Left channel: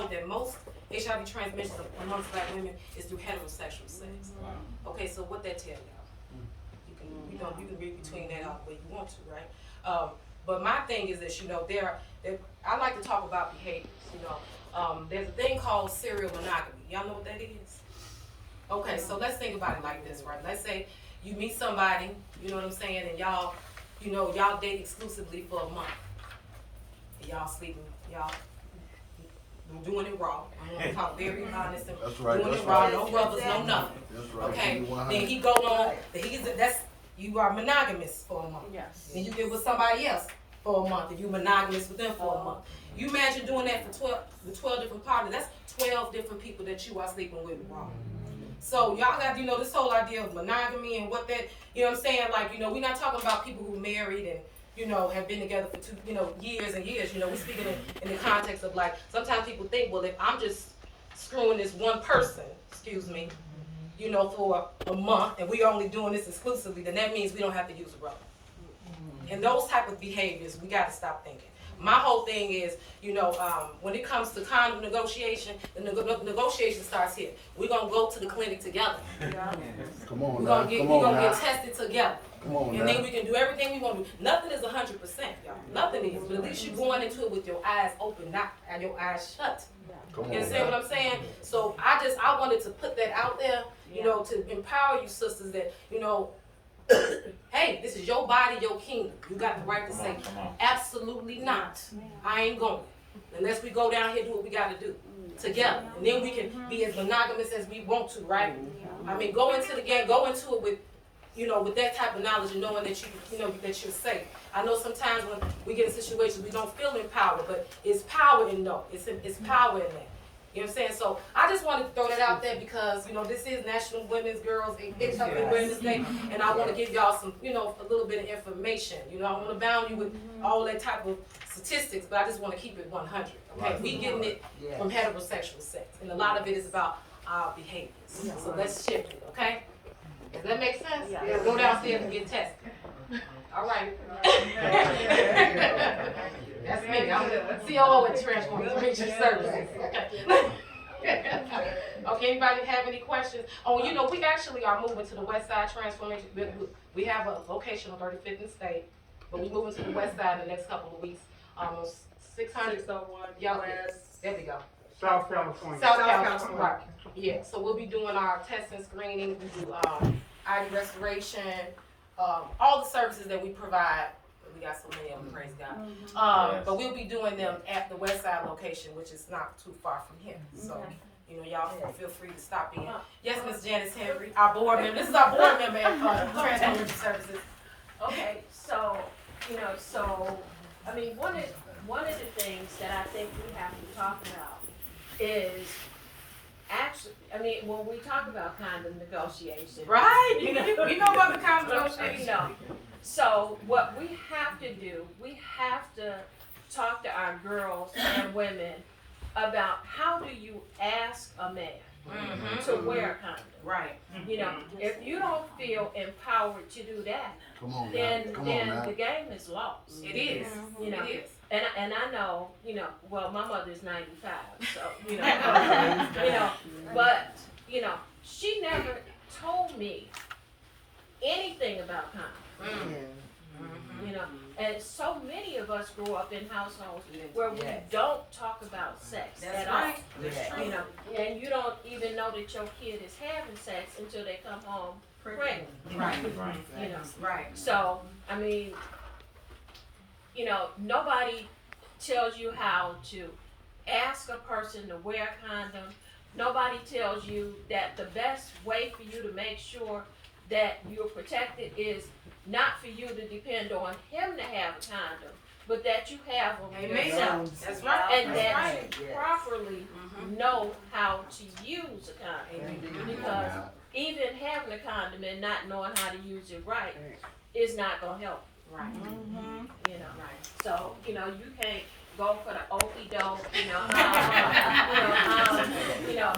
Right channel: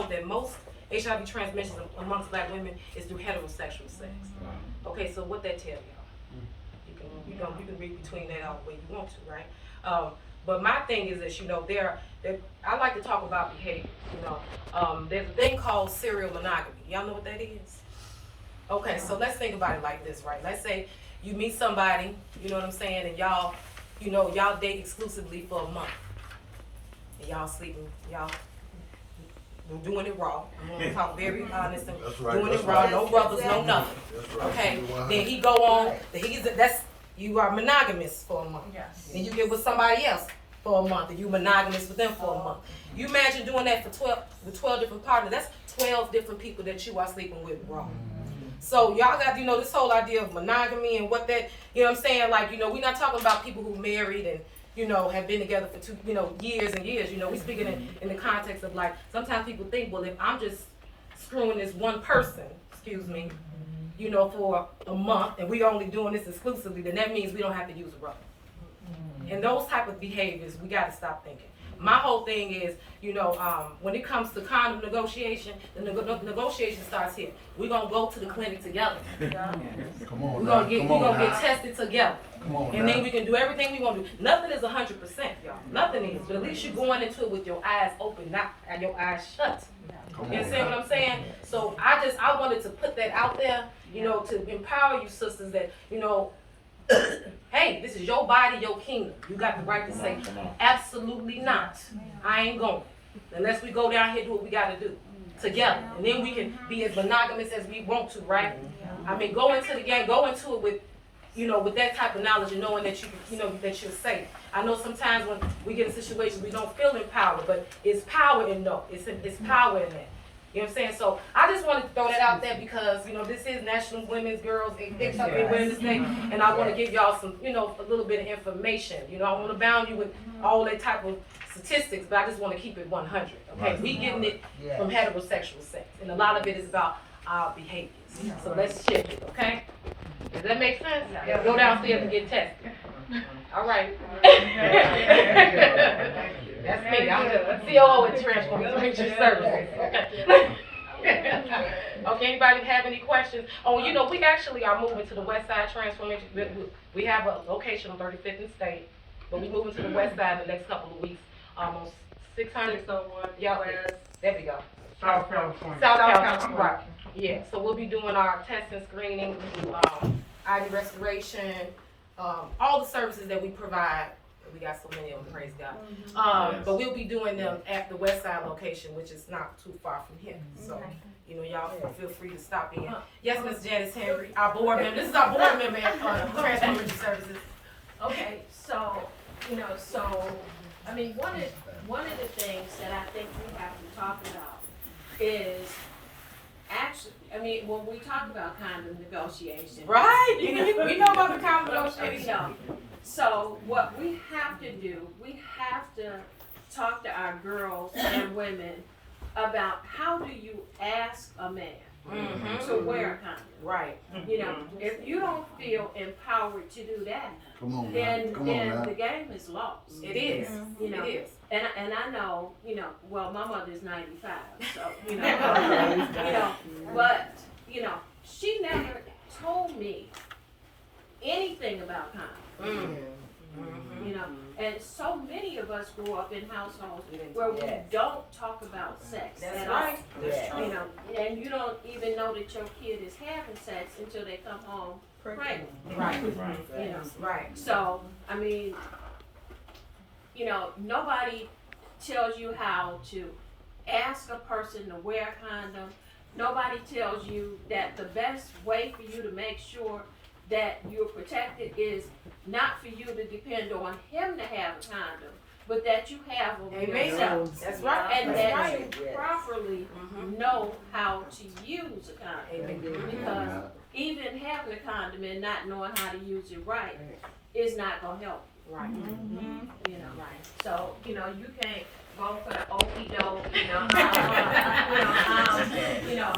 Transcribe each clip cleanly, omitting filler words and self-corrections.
know that most HIV transmissions amongst black women is through heterosexual sex. Okay, so what that tell y'all? You can read between that all the way you want to, right? But my thing is that, you know, I like to talk about behaviors, you know. There's a thing called serial monogamy. Y'all know what that is? Okay, so let's think about it like this, right? Let's say you meet somebody, you know what I'm saying, and y'all date exclusively for a month. And y'all sleeping, y'all doing it raw. I'm gonna talk very honest and doing it raw, no brothers, no nothing. Okay, then he go on, you are monogamous for a month. Yes. And you get with somebody else for a month, and you monogamous with them for a month. You imagine doing that for 12 different partners. That's 12 different people that you are sleeping with raw. So y'all got, you know, this whole idea of monogamy and what that, you know what I'm saying? Like, you know, we're not talking about people who married and, you know, have been together for years and years. You know, we're speaking in the context of, like, sometimes people think, well, if I'm just screwing this one person, you know, for a month, and we're only doing this exclusively, then that means we don't have to use a rubber. And those type of behaviors, we got to stop thinking. My whole thing is, you know, when it comes to condom negotiation, the negotiation starts here. We're gonna go to the clinic together. We're gonna get tested together. And then we can do everything we want to do. Nothing is 100%, y'all. Nothing is. But at least you're going into it with your eyes open, not your eyes shut. You understand what I'm saying? So I wanted to put that out there, you know, to empower you sisters that, you know, hey, this is your body, your kingdom. You got the right to say, absolutely not. I ain't going. Unless we go down here and do what we got to do together. And then we can be as monogamous as we want to, right? I mean, go into the game, go into it with, you know, with that type of knowledge and knowing that that you're safe. I know sometimes when we get in situations we don't feel empowered, but it's power in no. It's power in that. You know what I'm saying? So I just wanted to throw that out there because, you know, this is National Women's Girls HIV Awareness Day, and I want to give y'all some, you know, a little bit of information. You know, I want to bound you with all that type of statistics, but I just want to keep it 100. Okay, we getting it from heterosexual sex, and a lot of it is about our behaviors. So let's shift it. Okay? Does that make sense? Yeah. Go downstairs and get tested. All right. That's me. I'm the COO at Transformation Services. Okay, anybody have any questions? Oh, you know, we actually are moving to the West Side Transformation. We have a location on 35th and State, but we're moving to the West Side in the next couple of weeks. Almost 601. Yeah, there we go. South California. Right. Yeah, so we'll be doing our testing, screening, ID restoration, all the services that we provide. We got so many of them, praise God. But we'll be doing them at the West Side location, which is not too far from here. So, you know, y'all feel free to stop in. Yes, Ms. Janice Henry, our board member. This is our board member at Transformation Services. Okay, so, you know, I mean, one of the things that I think we have to talk about is actually, I mean, when we talk about condom negotiation. Right, we know about the condom negotiation. So what we have to do, we have to talk to our girls and women about how do you ask a man to wear a condom. Right. You know, if you don't feel empowered to do that, then the game is lost. It is. You know, it is. And I know, you know, well, my mother's 95, so, you know, but, you know, she never told me anything about condoms. You know, and so many of us grew up in households where we don't talk about sex at all. You know, and you don't even know that your kid is having sex until they come home pregnant. Right. You know, Right. so I mean, you know, nobody tells you how to ask a person to wear a condom. Nobody tells you that the best way for you to make sure that you're protected is not for you to depend on him to have a condom, but that you have them yourself. That's right. And that you properly know how to use a condom. Because even having a condom and not knowing how to use it right is not going to help. Right. You know, so, you know, you can't go for the okie doke,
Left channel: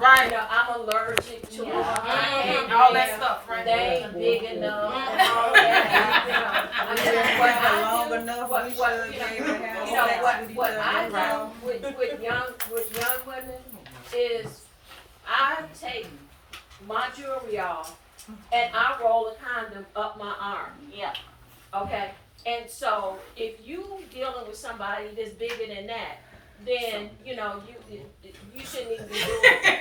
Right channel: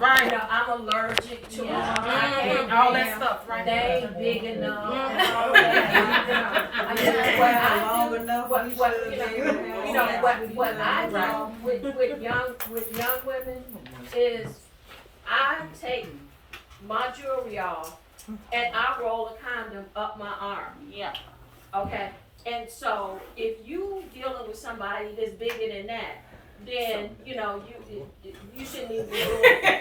right. I'm allergic to them. All that stuff, right? They ain't big enough. And all that, I mean, what I do with young condom women is I take my jewelry off and I roll a condom up my arm. Yeah. Okay? And so if you dealing with somebody that's bigger than that, then you know you shouldn't even be doing it.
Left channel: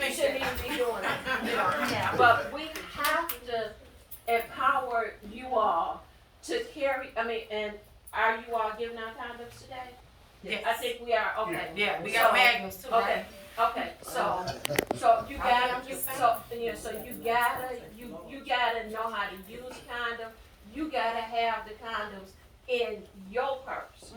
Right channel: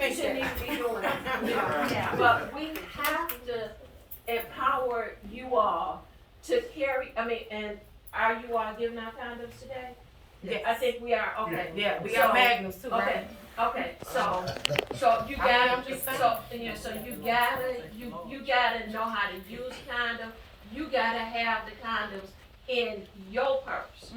You shouldn't even be doing it. You know? But we have to empower you all to carry. I mean, and are you all giving out condoms today? Yes. I think we are. Okay. Yeah, we got magnums too, Okay. right? Okay. So you gotta. So you gotta know how to use condom. You gotta have the condoms in your purse.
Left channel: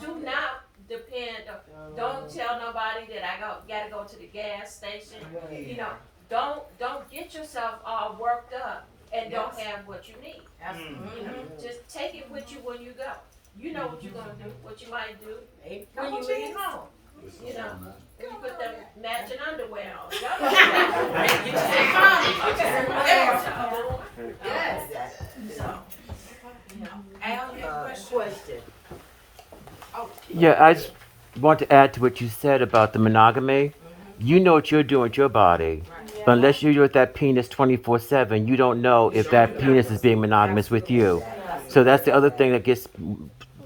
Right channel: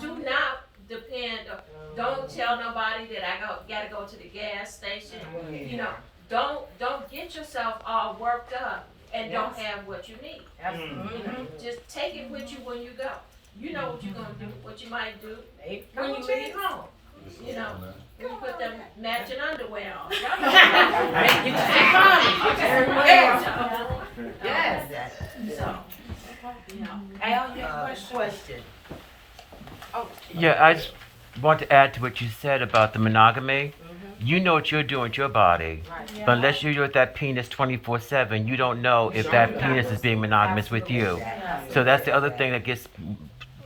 Do not depend. Don't tell nobody that I gotta go to the gas station. You know, don't get yourself all worked up and don't have what you need. You know, just take it with you when you go. You know what you're gonna do, what you might do when you leave home. You know, when you put them matching underwear on. Y'all know Yes. so, you know. Al, you have a question? Oh. Yeah, I just want to add to what you said about the monogamy. You know what you're doing with your body. Right. But unless you're with that penis 24/7, you don't know if that penis is being monogamous with you. So that's the other thing that gets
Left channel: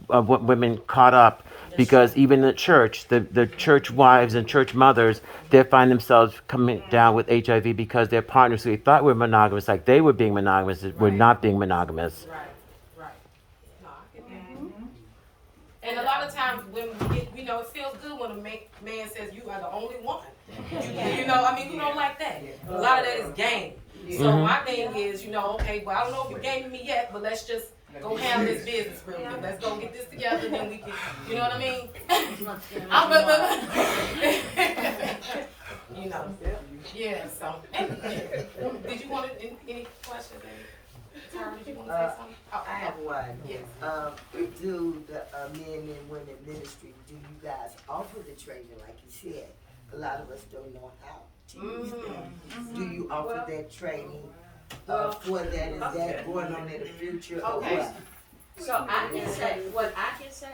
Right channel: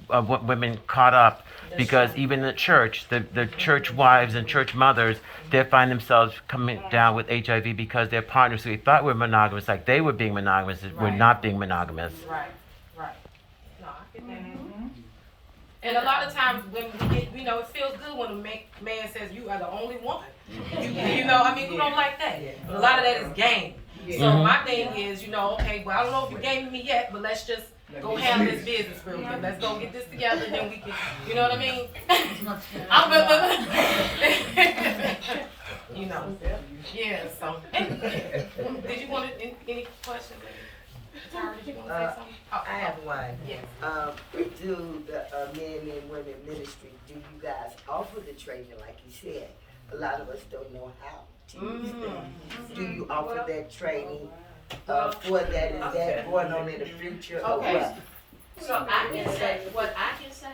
women caught up. Because even in the church, the church wives and church mothers, they find themselves coming down with HIV because their partners who they thought were monogamous, like they were being monogamous, were not being monogamous. Right. No, I get that. And a lot of times when we get, you know, it feels good when a man says you are the only one. You know, I mean, who don't like that? But a lot of that is game. So my thing is, you know, okay, well, I don't know if you're gaming me yet, but let's just go handle this business real quick. Let's go get this together, then we can, you know what I mean? You know, yeah, so. Did you want any questions? Tara, did you want to say something? Oh, I have one. Yes. Do the men and women ministry, do you guys offer the training like you said? A lot of us don't know how to use them. Do you offer that training for that? Is that going on in the future or what? So I can say, what I can say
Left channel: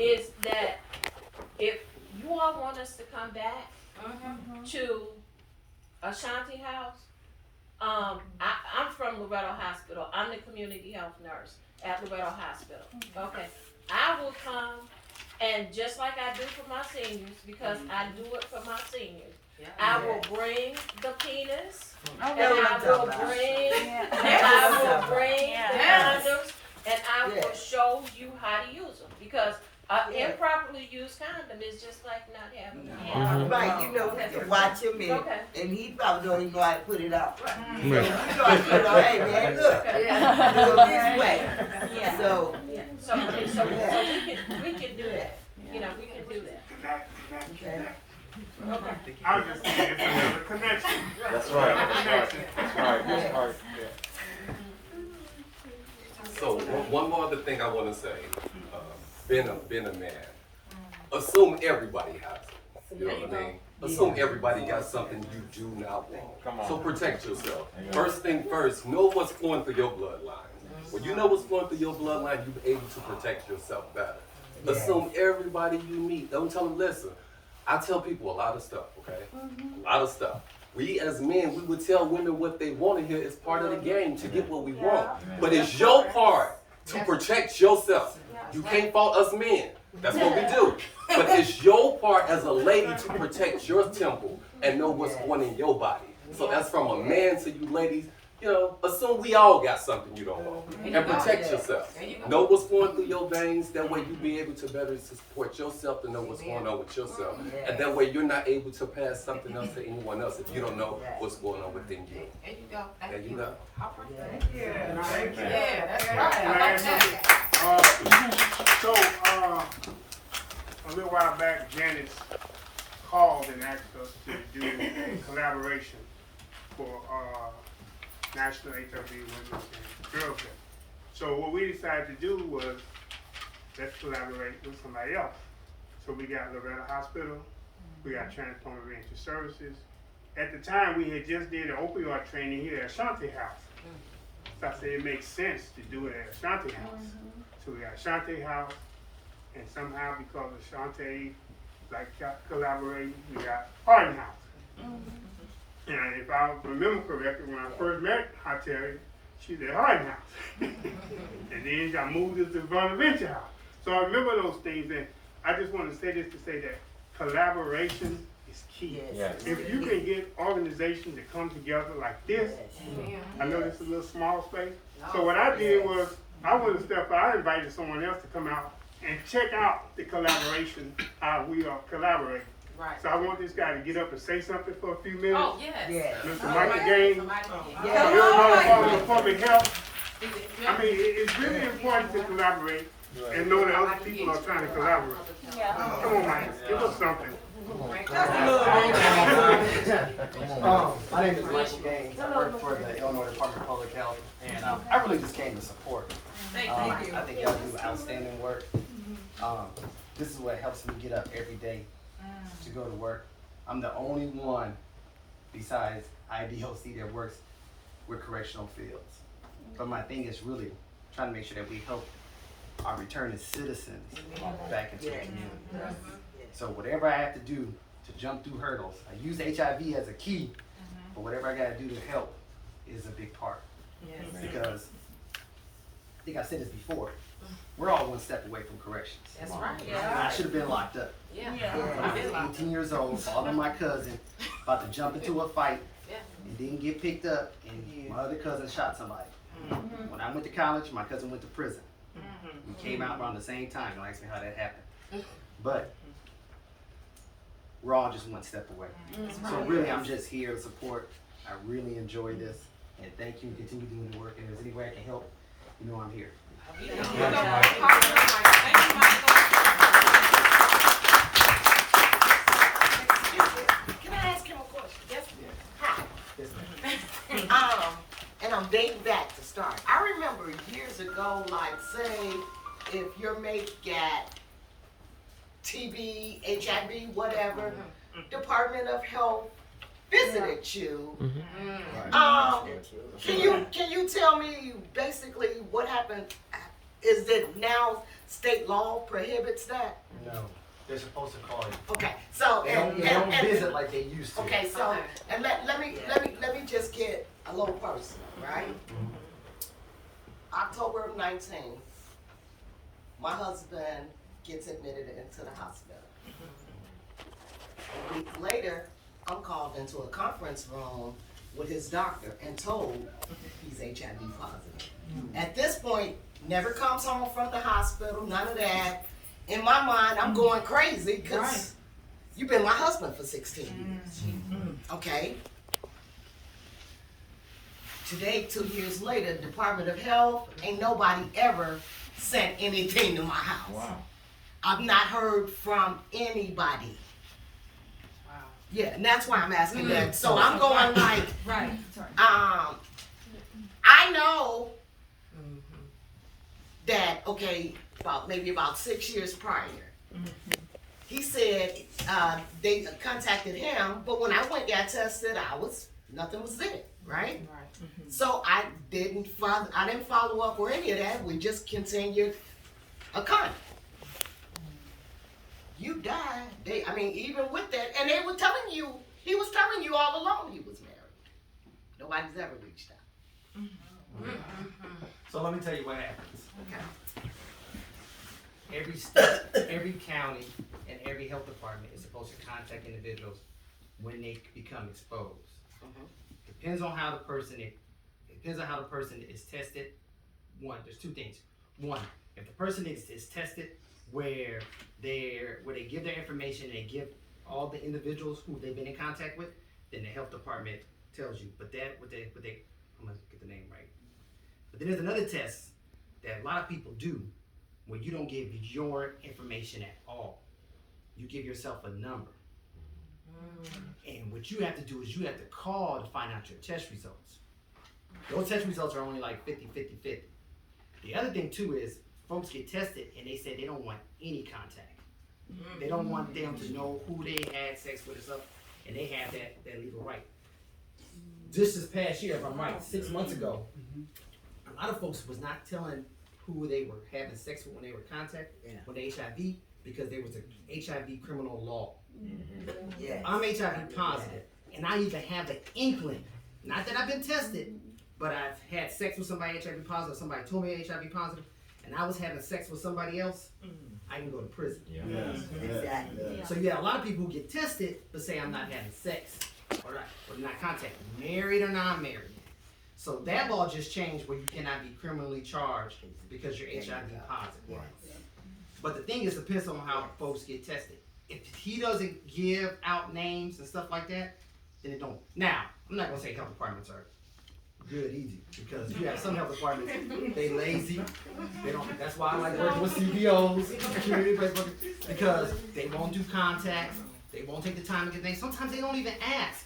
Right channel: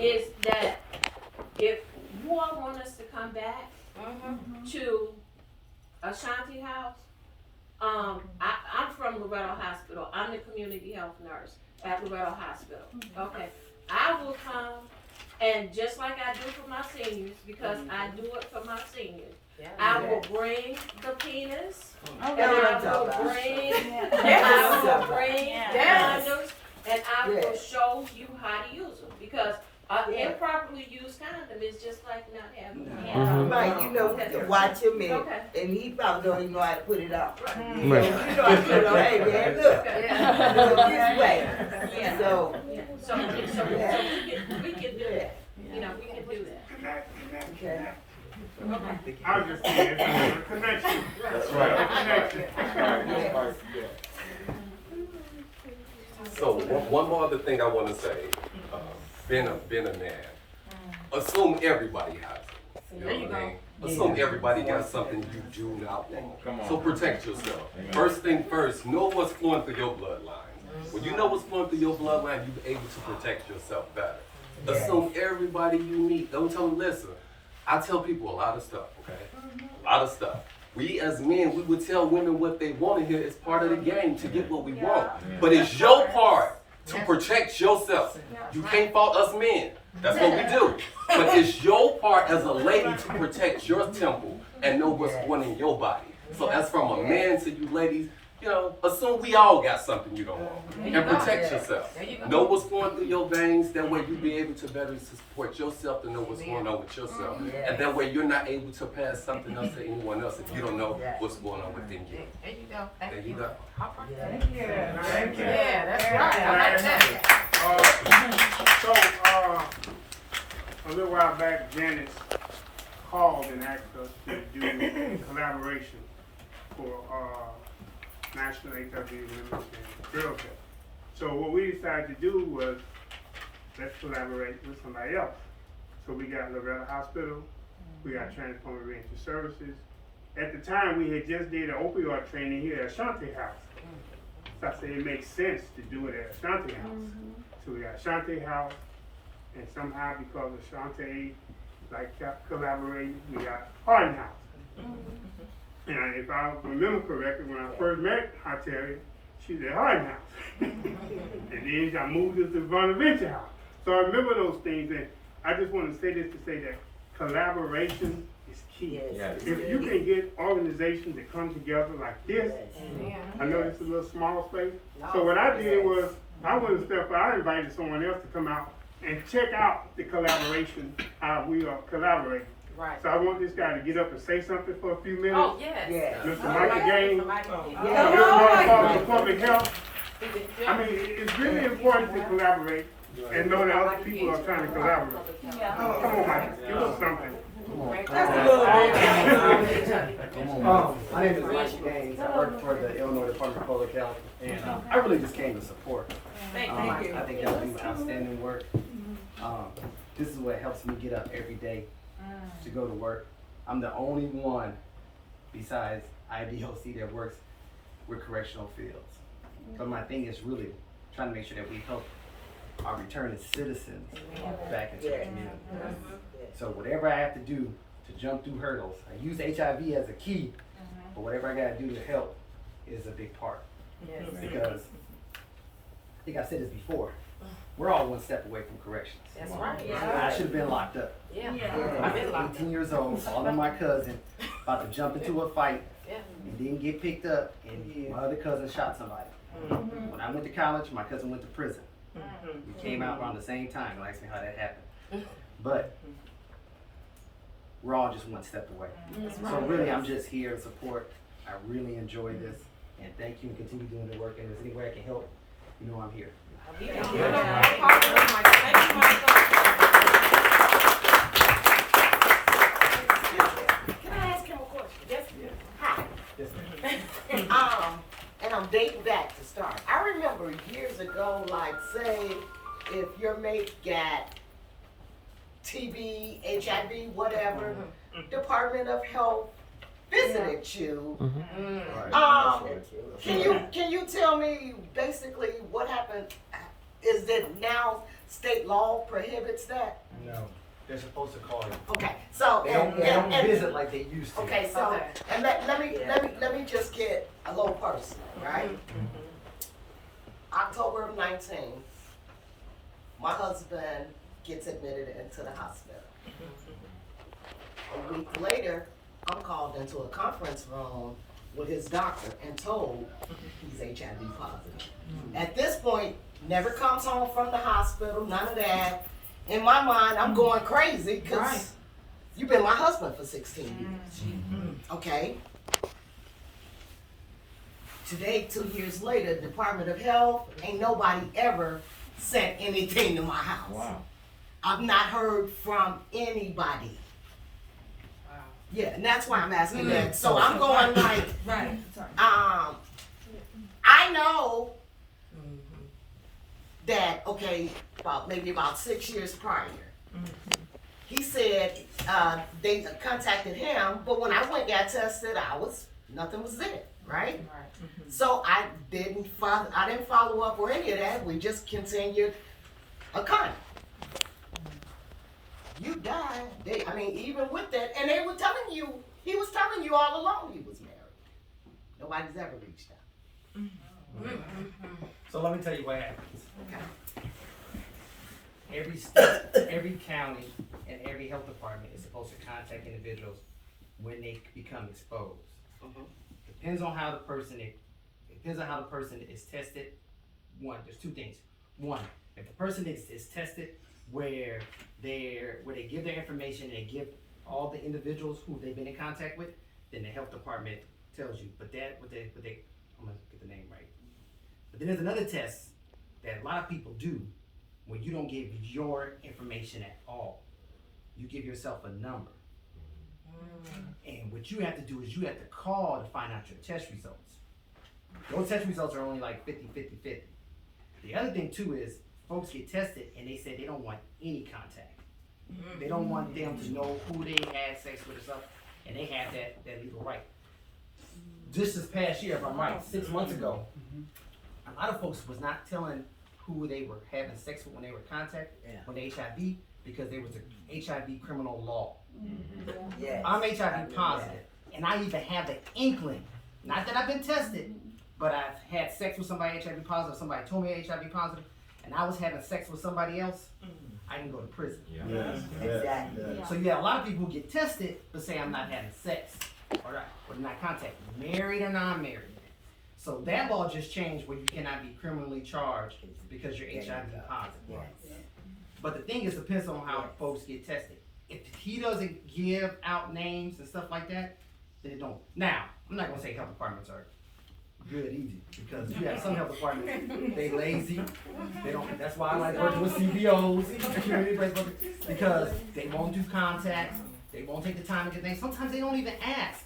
is that if you all want us to come back to Ashanti House, I'm from Loretto Hospital. I'm the community health nurse at Loretto Hospital. Okay, I will come, and just like I do for my seniors, because I do it for my seniors, I will bring the penis, and I will bring the condoms, and I will show you how to use them, because improperly used condom is just like not having one. Right, you know, watch him and he probably don't even know how to put it out. Right. You know how to put it on, hey man, look, do it this way. So we can do that. You know, we can do that. okay. I was just saying, it's another connection. That's right. Another connection. That's right. So one more other thing I want to say, being a man, assume everybody has it. You know what I mean? Assume everybody got something you do not want. Come on. So protect yourself. First thing first, know what's flowing through your bloodline. When you know what's flowing through your bloodline, you're able to protect yourself better. Assume everybody you meet. Don't tell them, listen, I tell people a lot of stuff, okay? A lot of stuff. We as men, we would tell women what they want to hear. It's part of the game to get what we want. But it's your part to protect yourself. You can't fault us men. That's what we do. But it's your part as a lady to protect your temple and know what's going in your body. So as from a man to you ladies, you know, assume we all got something you don't want. And protect yourself. Know what's going through your veins. That way you'll be able to better support yourself to know what's going on with yourself. And that way you're not able to pass something else to anyone else if you don't know what's going on within you. There you go. There you go. Thank you. Thank you. Yeah, that's right. I like that. So, a little while back, Janet called and asked us to do a collaboration for National HIV Women's and Girls Day. So what we decided to do was, let's collaborate with somebody else. So we got Loretto Hospital, we got Transformer Reentry Services. At the time, we had just did an opioid training here at Ashanti House. So I said it makes sense to do it at Ashanti House. So we got Ashanti House, And somehow because of Shantae, like kept collaborating, we got Hardin House. And if I remember correctly, when I first met Hyteria, she said Hardin House. And then I moved us to Bonaventure House. So I remember those things, and I just want to say this to say that collaboration is key. Yes. If you can get organizations to come together like this, I know this is a little small space. So what I did was, I went a step out, I invited someone else to come out and check out the collaboration, how we are collaborating. Right. So I want this guy to get up and say something for a few minutes. Oh, yes. Yes. Mr. Michael Gaines, Yeah. you're one of public health. I mean, it's really important to collaborate and know that other people are trying to collaborate. Come on, Mike, give us something. My name is Michael Gaines. I work for the Illinois Department of Public Health, and I really just came to support. I think y'all do outstanding work. This is what helps me get up every day to go to work. I'm the only one besides IDOC that works with correctional fields. So my thing is really trying to make sure that we help our returning citizens back into the community. So whatever I have to do to jump through hurdles, I use HIV as a key, but whatever I gotta do to help is a big part. Because, I think I said this before, we're all one step away from corrections. That's right. I should have been locked up. Yeah. When I was 18 years old, following my cousin, about to jump into a fight, and didn't get picked up, and my other cousin shot somebody. When I went to college, my cousin went to prison. We came out around the same time. Don't ask me how that happened. But we're all just one step away. So really, I'm just here to support. I really enjoy this, and thank you, and continue doing the work. And if there's any way I can help, you know I'm here. Can I ask him a question? Yes, Hi. Yes, ma'am. And I'm dating back to start. I remember years ago, like say, if your mate got TB, HIV, whatever, Department of Health visited you. Can you tell me basically what happened? Is it now state law prohibits that? No, they're supposed to call you. Okay, so They don't visit like they used to. Okay, so and let me just get a little personal, right? October of 19, my husband gets admitted into the hospital. A week later, I'm called into a conference room with his doctor and told he's HIV positive. At this point, never comes home from the hospital, none of that. In my mind, I'm going crazy because you've been my husband for 16 years. Okay? Today, 2 years later, Department of Health, ain't nobody ever sent anything to my house. Wow. I've not heard from anybody. Yeah, and that's why I'm asking that. So I'm going like, I know that, okay, maybe about 6 years prior, he said they contacted him, but when I went and got tested, nothing was there, right? So I didn't follow up or any of that. We just continued a con. You died. Even with that, and they were telling you, he was telling you all along he was married. Nobody's ever reached out. So let me tell you what happens. Okay. Every state, every county, and every health department is supposed to contact individuals when they become exposed. Depends on how the person is tested. One, there's two things. One, if the person is tested where they give their information and they give all the individuals who they've been in contact with, then the health department tells you. But I'm gonna get the name right. But then there's another test that a lot of people do where you don't give your information at all. You give yourself a number. And what you have to do is you have to call to find out your test results. Those test results are only like 50. The other thing too is folks get tested and they say they don't want any contact. They don't want them to know who they had sex with or stuff, and they have that legal right. This past year, if I'm right, 6 months ago, a lot of folks was not telling who they were having sex with when they were contacted, when they HIV, because there was a HIV criminal law. Yes. I'm HIV positive, and I even have the inkling, not that I've been tested, but I've had sex with somebody HIV positive, somebody told me HIV positive, and I was having sex with somebody else, I can go to prison. Exactly. So you have a lot of people who get tested, but say I'm not having sex, or not contact, married or non-married. So that law just changed where you cannot be criminally charged because you're HIV positive. But the thing is, it depends on how folks get tested. If he doesn't give out names and stuff like that, then it don't. Now, I'm not gonna say health departments are good easy, because you have some health departments, they lazy, they don't, that's why I like working with CBOs, community based workers, because they won't do contacts, they won't take the time to get things, sometimes they don't even ask.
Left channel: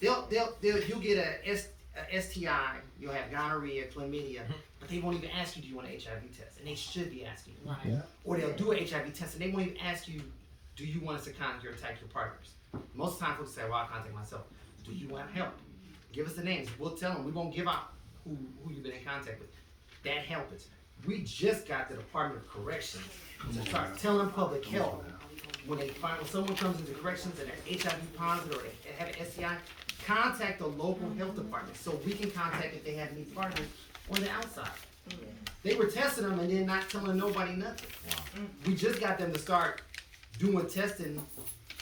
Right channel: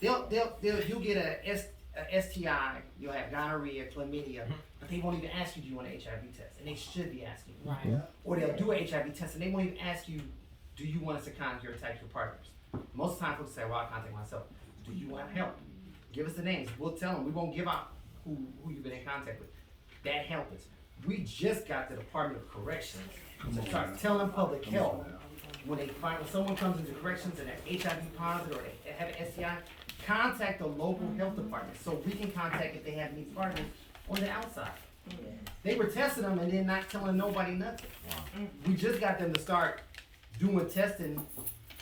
You'll get a STI, you'll have gonorrhea, chlamydia, but they won't even ask you, do you want an HIV test? And they should be asking you. Right. Or they'll do an HIV test and they won't even ask you, do you want us to contact your sexual partners? Most of the time folks say, well, I'll contact myself. Do you want help? Give us the names. We'll tell them. We won't give out who you've been in contact with. That helps us. We just got the Department of Corrections to start telling public health when someone comes into corrections and they're HIV positive or they have an STI, contact the local health department so we can contact if they have any partners on the outside. They were testing them and then not telling nobody nothing. We just got them to start doing testing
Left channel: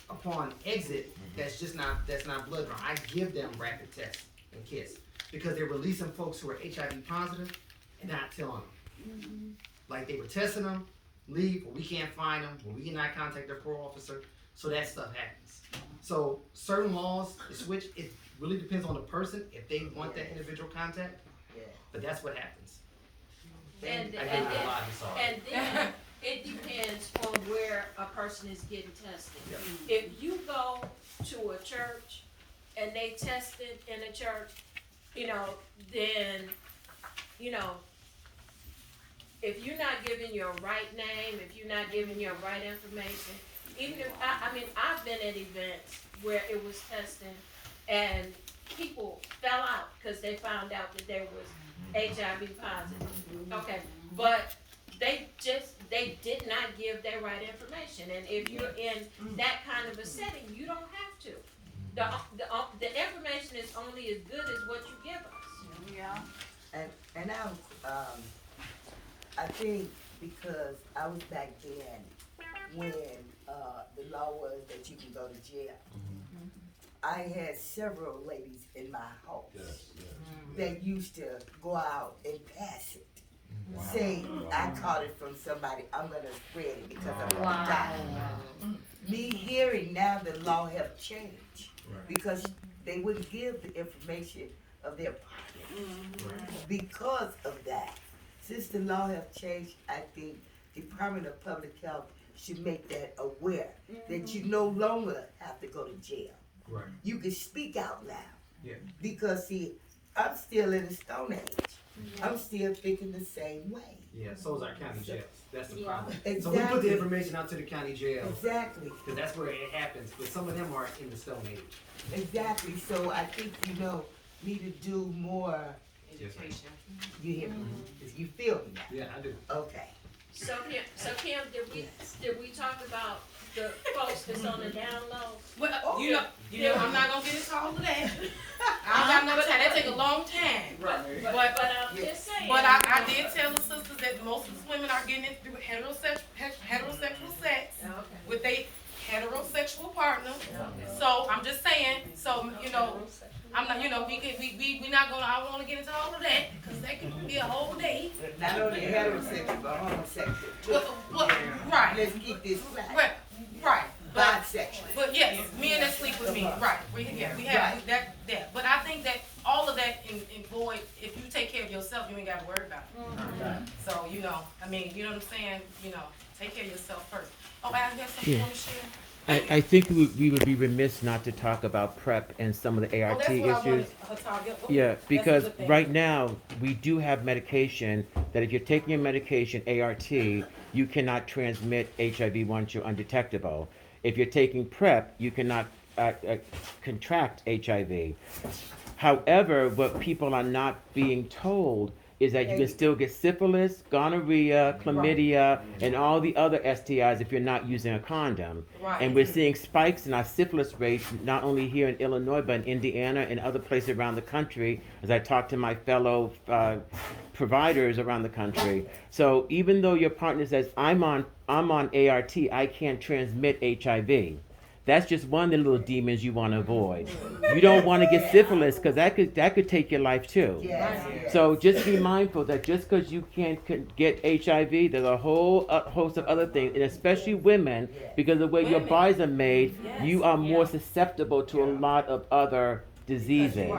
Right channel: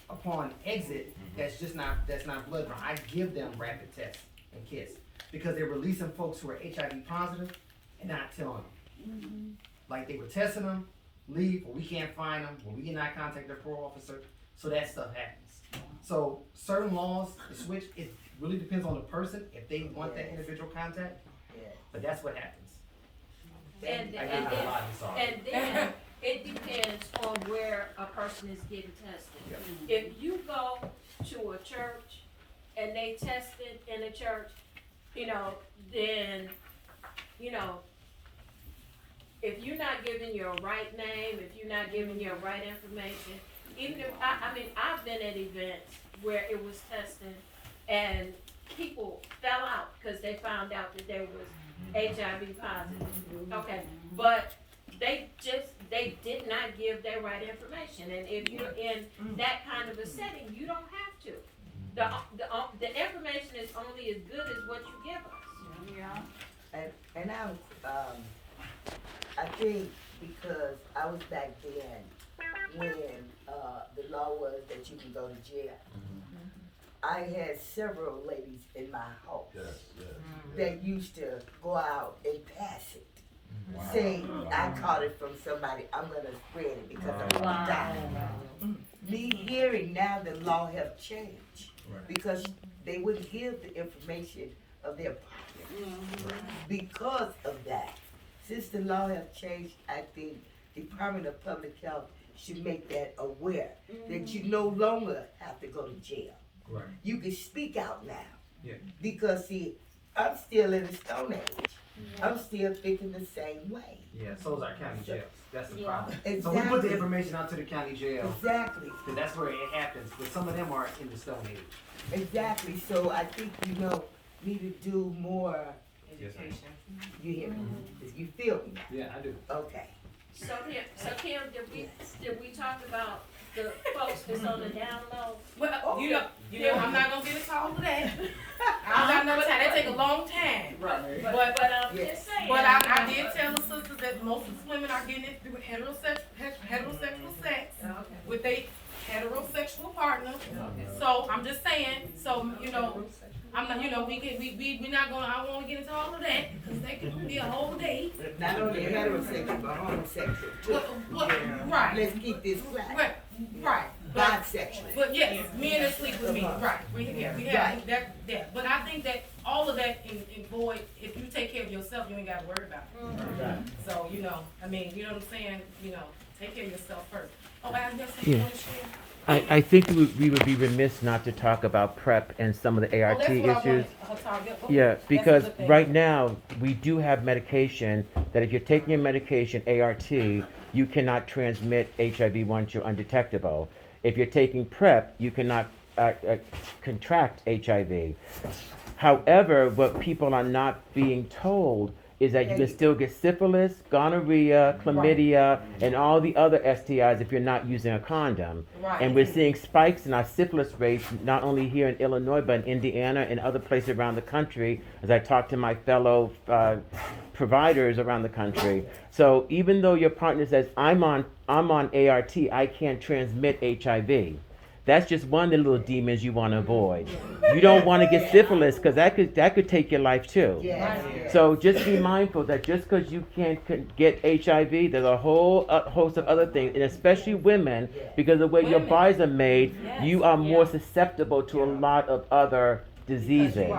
upon exit. That's not blood drawn. I give them rapid tests and kits because they're releasing folks who are HIV positive and not telling them. Like they were testing them, leave, or we can't find them, or we cannot contact their parole officer. So that stuff happens. So certain laws, the switch, it really depends on the person if they want that individual contact. But that's what happens. And I gave you a lot, I'm sorry. and then it depends on where a person is getting tested. Yeah. If you go to a church and they tested in a church, then, if you're not giving your right name, if you're not giving your right information, even if, I've been at events where it was testing and people fell out because they found out that there was HIV positive. Okay, but they did not give their right information, and if you're in that kind of a setting, you don't have to. The information is only as good as what you give us. Yeah. And I think because I was back then when the law was that you can go to jail. I had several ladies in my house that used to go out and pass it. Say, I caught it from somebody, I'm gonna spread it because I'm gonna die. Me hearing now the law have changed because they wouldn't give the information of their partner. Because of that, since the law have changed, I think Department of Public Health should make that aware that you no longer have to go to jail. Right. You can speak out now. Yeah. Because see, I'm still in the Stone Age. I'm still thinking the same way. Yeah, so is our county jails. That's the Yeah. problem. Exactly. So we put the information out to the county jails Exactly. because that's where it happens. But some of them are in the Stone Age. Exactly. So I think need to do more. Education. You hear me? You feel me now? Yeah, I do. Okay. So Kim, did we talk about the folks that's on the down low? Well, you know, I'm not gonna get into all of that. I know that take a long time. But I'm just saying. But I did tell the sisters that most of the women are getting it through heterosexual sex with a heterosexual partner. So I'm just saying. So I'm not. We not gonna. I don't want to get into all of that because that could be a whole day. Not only heterosexual, but homosexual too. Right. Let's keep this right. Right. Bisexual. But yes, men that sleep with me, right? We have that. But I think that all of that in void. If you take care of yourself, you ain't got to worry about it. So you know what I'm saying. Take care of yourself first. Oh, I have something you want to share. I think we would be remiss not to talk about PrEP and some of the ART That's what I issues. wanted. Yeah, That's a because good thing. right now, we do have medication that if you're taking your medication, ART, you cannot transmit HIV once you're undetectable. If you're taking PrEP, you cannot contract HIV. However, what people are not being told is that you can still get syphilis, gonorrhea, chlamydia, and all the other STIs if you're not using a condom. Right. And we're seeing spikes in our syphilis rates, not only here in Illinois, but in Indiana and other places around the country, as I talk to my fellow providers around the country. So even though your partner says, I'm on ART, I can't transmit HIV. That's just one of the little demons you want to avoid. You don't want to get syphilis because that could take your life too. So just be mindful that just because you can't get HIV, there's a whole host of other things, and especially women, because of the way your bodies are made, you are more susceptible to a lot of other diseases.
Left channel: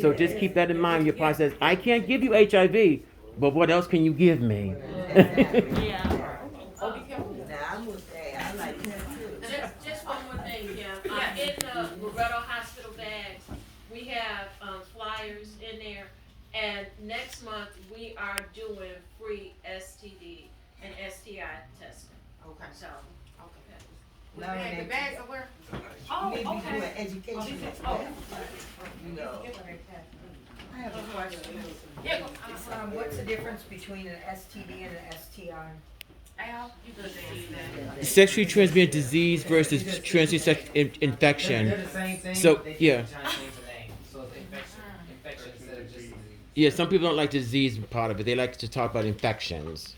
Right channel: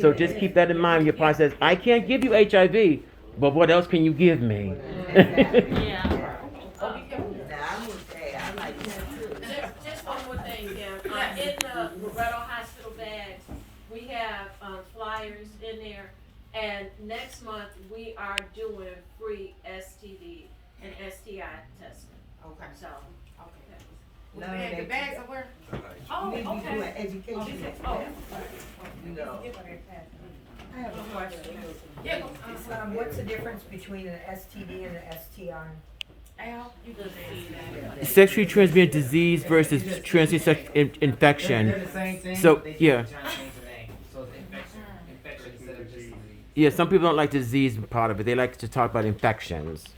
So just keep that in mind when your partner says, I can't give you HIV, but what else can you give me? Just one more thing, Kim. In the Loretto Hospital bags, we have flyers in there, and next month we are doing free STD and STI testing. Okay. So, No, The bags are where? You need to be doing education. You know. I have a question. Yeah. What's the difference between an STD and an STI? Al, you good at that. Sexually transmitted disease versus transmitted infection. They're the same thing. So, they yeah. just change the name. So it's infection instead of just disease. Yeah, some people don't like the disease part of it. They like to talk about infections.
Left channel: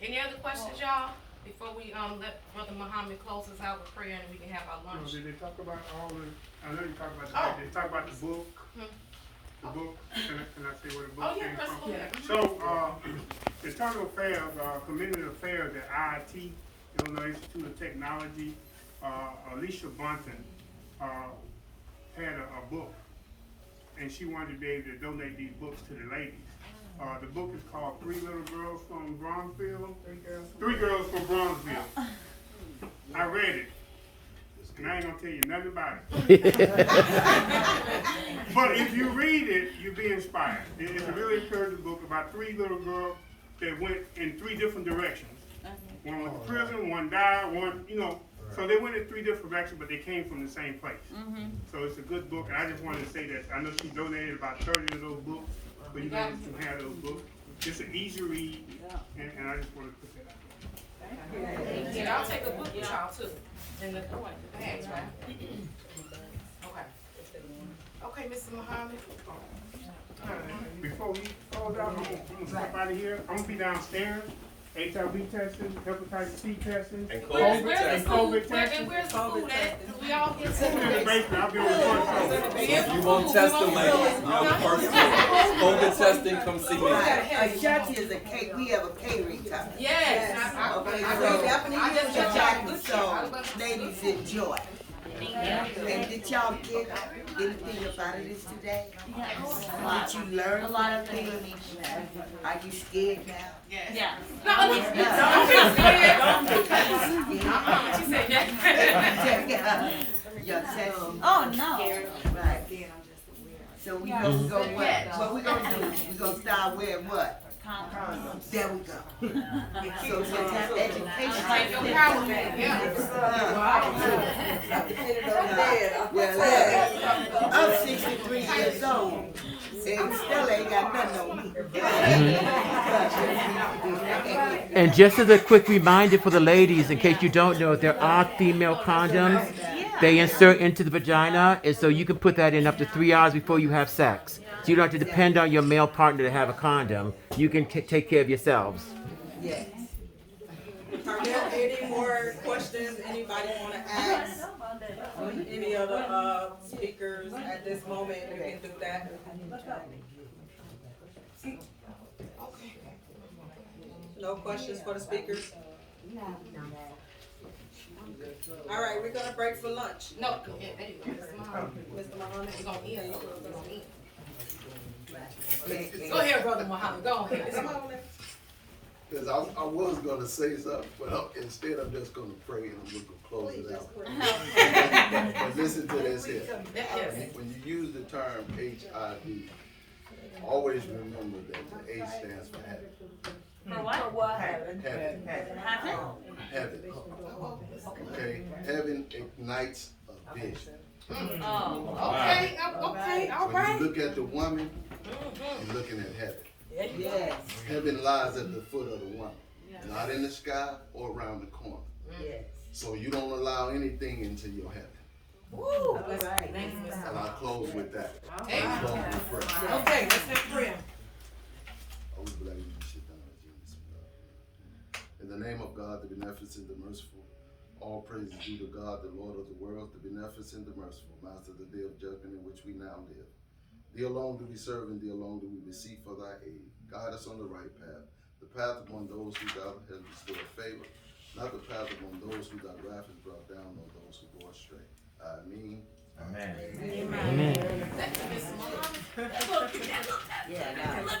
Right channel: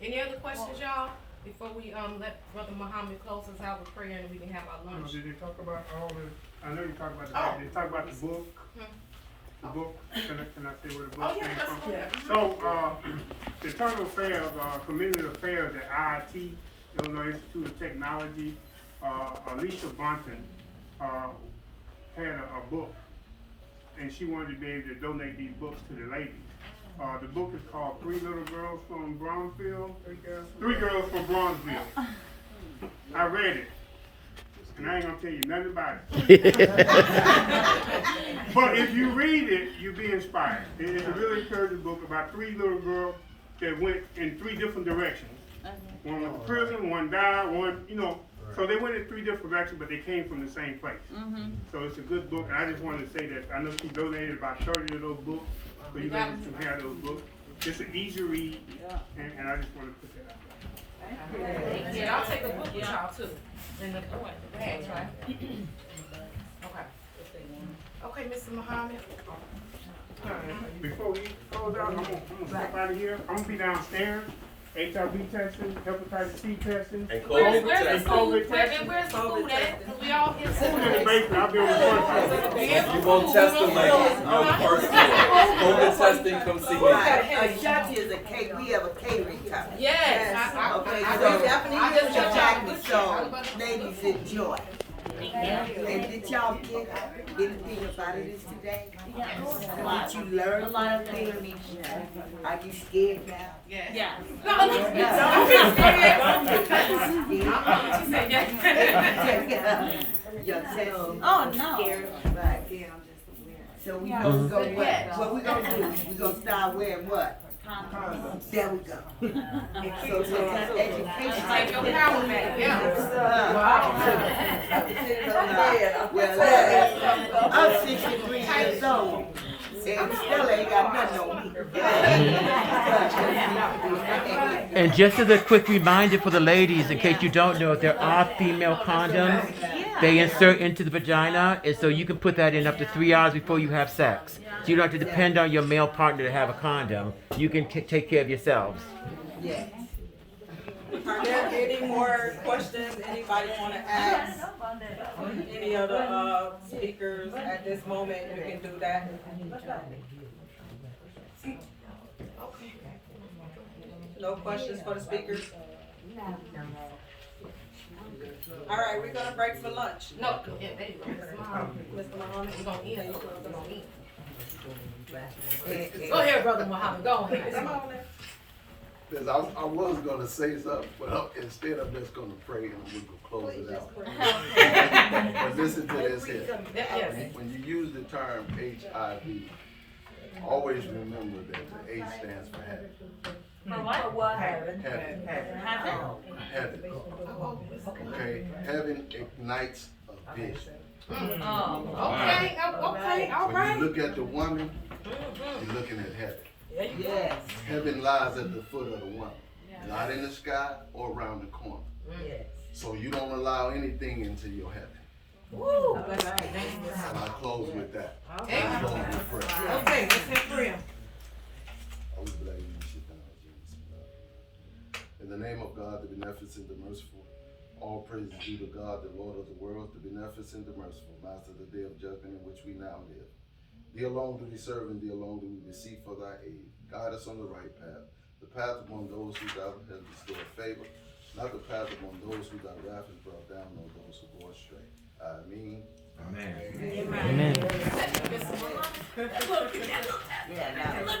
Any other questions, y'all? Before we let Brother Muhammad close us out with prayer and we can have our lunch. Did they talk about all the, I know you talked about Oh. the, they talk about the book. Hmm. The book, can I say where the book Oh, yeah, came that's from? okay. So, the Internal Affairs, Community Affairs at IIT, Illinois Institute of Technology, Alicia Bunton, had a book, and she wanted to be able to donate these books to the ladies. The book is called Three Little Girls from Bronzeville. Three Girls from Bronzeville. I read it, and I ain't gonna tell you nothing about it. But if you read it, you'll be inspired. It's a really encouraging book about three little girls that went in three different directions. One went to prison, one died, one, so they went in three different directions, but they came from the same place. So it's a good book, and I just wanted to say that I know she donated about 30 of those books, so you guys can have those books. It's an easy read, and I just wanted to put that out there. Yeah, I'll take a book with y'all too. In the bags, right? Okay. Okay, Mr. Muhammad. Before we close out, I'm gonna step out of here. I'm gonna be downstairs. HIV testing, hepatitis C testing, And Where's COVID the testing. food? Where's the food at? 'Cause we all get food in the basement. I'll be on the first You won't test them, ladies. You're the first one. COVID testing, come see me. Shotty is a cake, we have a catering company. Yes. Okay, I so definitely a just chocolate, so ladies enjoy. And did y'all get anything about it today? Did you learn anything? Are you scared now? yeah. No, don't be scared. Yourself. Oh, no. Right. So we gonna go what? What we gonna do? We gonna start wearing what? There we go. So it's education. Well, I'm 63 years old and still ain't got nothing on me. And just as a quick reminder for the ladies, in case you don't know, there are female condoms. They insert into the vagina, and so you can put that in up to 3 hours before you have sex. So you don't have to depend on your male partner to have a condom. You can take care of yourselves. Yes. Are there any more questions anybody want to ask? Any of the speakers at this moment, you can do that. No questions for the speakers? All right, we're gonna break for lunch. No, yeah, there you go, Mr. Muhammad. Mr. Muhammad, we're gonna end. We're gonna end. Go ahead, Brother Muhammad, go ahead. Come on now. Because I was gonna say something, but instead I'm just gonna pray and we're gonna close it out. But listen to this here. Yes. When you use the term HIV, always remember that the H stands for habit. Habit. Habit. Okay, heaven ignites a vision. Okay, all When right. you look at the woman, You're looking at heaven. Yes, Heaven lies at the foot of the woman, not in the sky or around the corner. yes. So you don't allow anything into your heaven. Woo! That's right. Thank you. And I close with that. Okay. I close with prayer. Okay, let's have prayer. In the name of God, the beneficent, the merciful, all praise is due to God, the Lord of the world, the beneficent, the merciful, Master of the day of judgment in which we now live. Thee alone do we serve, and thee alone do we beseech for thy aid. Guide us on the right path, the path among those who thou hast bestowed favor, not the path among those who thy wrath has brought down, nor those who go astray. Amen. Amen. Amen. Yeah, no.